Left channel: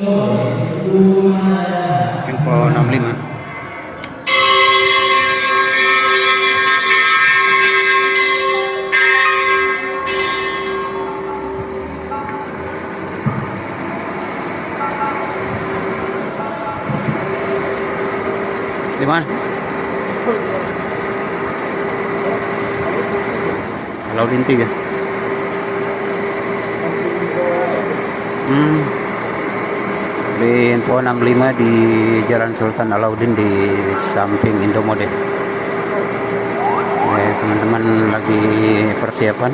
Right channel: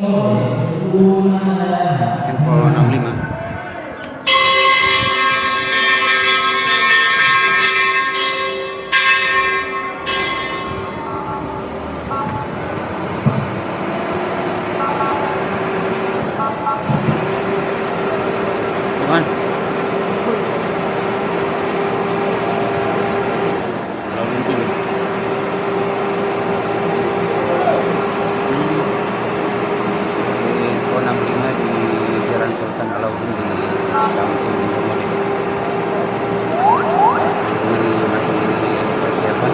Info 65. Gimana? Laudin 3. Di info 65 di Jalan Sultan Alauddin di samping Indomode. Ya, teman-teman lagi persiapan